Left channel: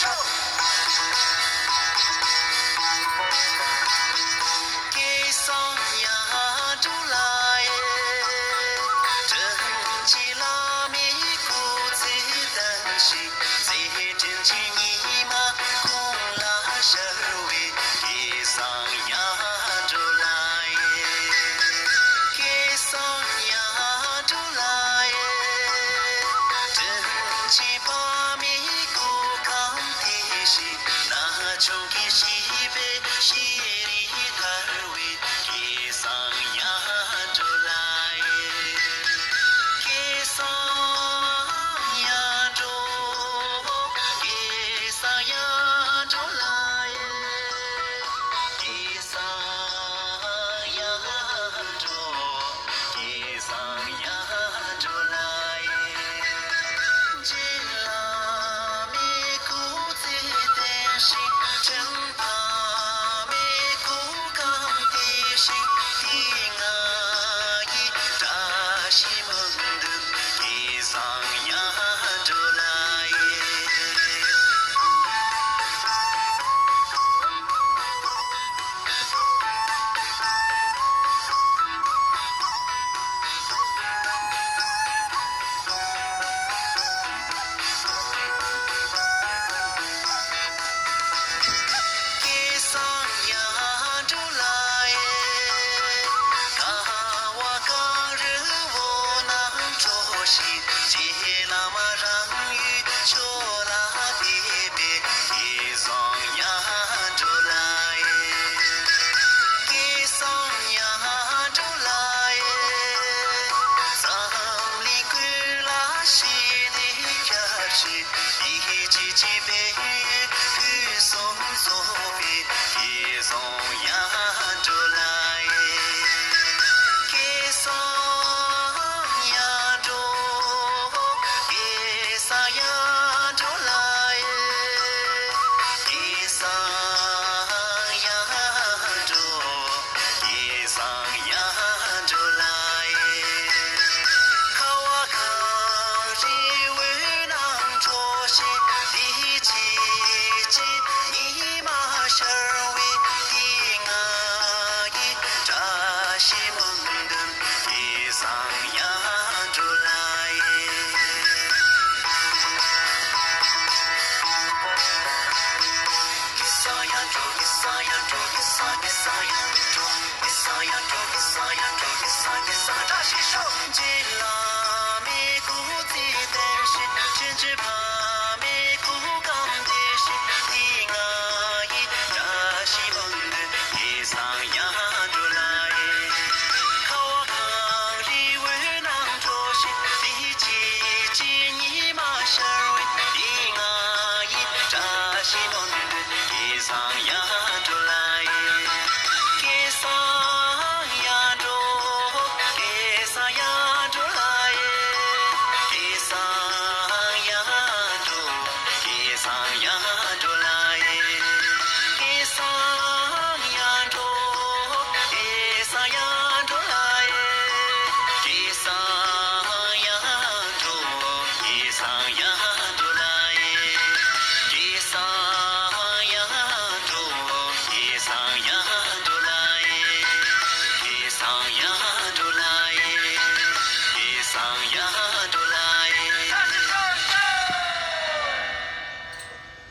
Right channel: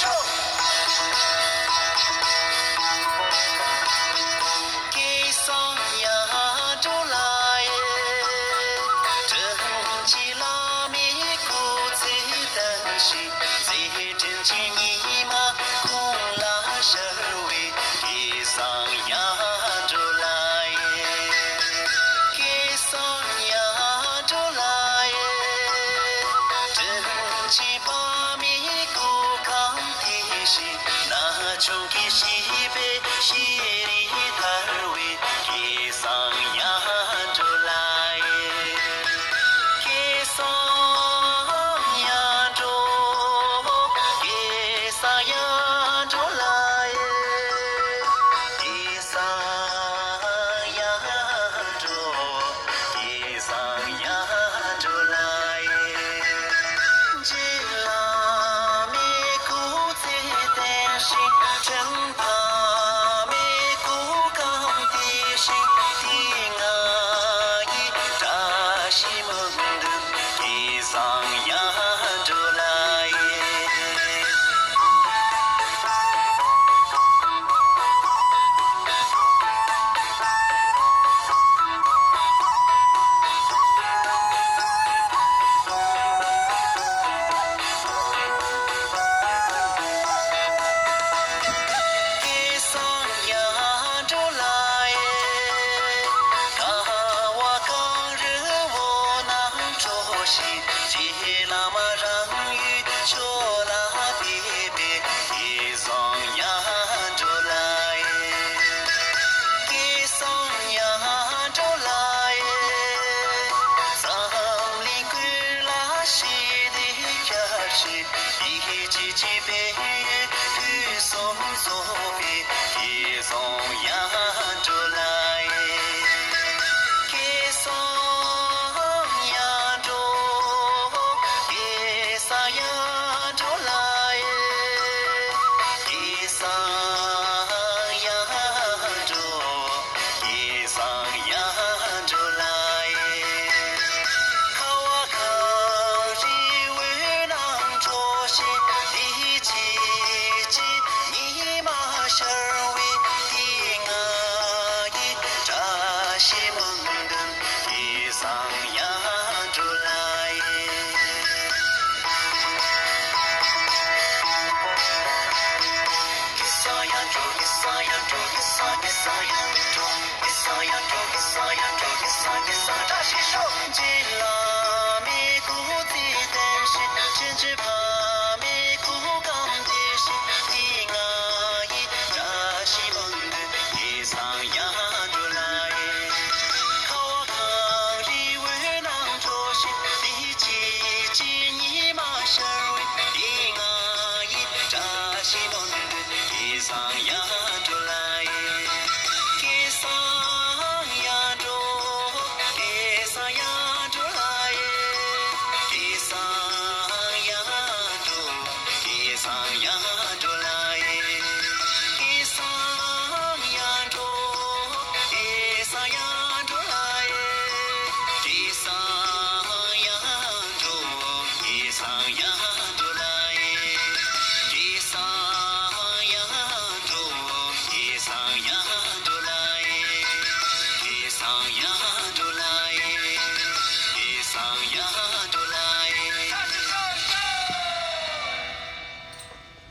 手。给桑呀州来耶，真起拉米古子灯西，最真起尼玛空拉社会，给桑呀州来耶，给桑呀州来耶，真起巴米古康的西，那穷给西北西里台位，给桑呀州来耶，给桑呀州，给桑呀州来耶，给桑呀州，给桑呀州来耶。吉拉米古子的心，真怕米古刚的心，的爱意扎西蒙的给桑呀州来耶。给桑呀州来耶，卡瓦冈日我能着西，吉拉玛让雨秋拉别别，给桑呀州来耶，给桑呀州来耶，桑里归拉西的家去，一起去北雨送走别，给桑呀州来耶，给桑呀州，给桑呀州来耶，给桑呀州，给桑呀州来耶。卡瓦康日为郎着西，一起起尼玛社会的爱意扎西蒙登，给桑呀州来耶。给桑呀州，给桑呀州，给桑给桑呀州，给桑呀州，给桑呀州，给桑扎西手，吉拉米古子的心，真只怕米古刚的心，的爱意扎西蒙的给桑呀州来耶。卡瓦康日为郎着西，一起起尼玛社会的爱意扎西蒙的给桑呀州来耶，给桑呀州，给桑呀州来耶，给桑呀州，给桑呀州来耶，给桑呀州，给桑呀州来耶，给桑呀州，给桑呀州来耶，给桑呀州，给桑呀州来耶，给桑呀。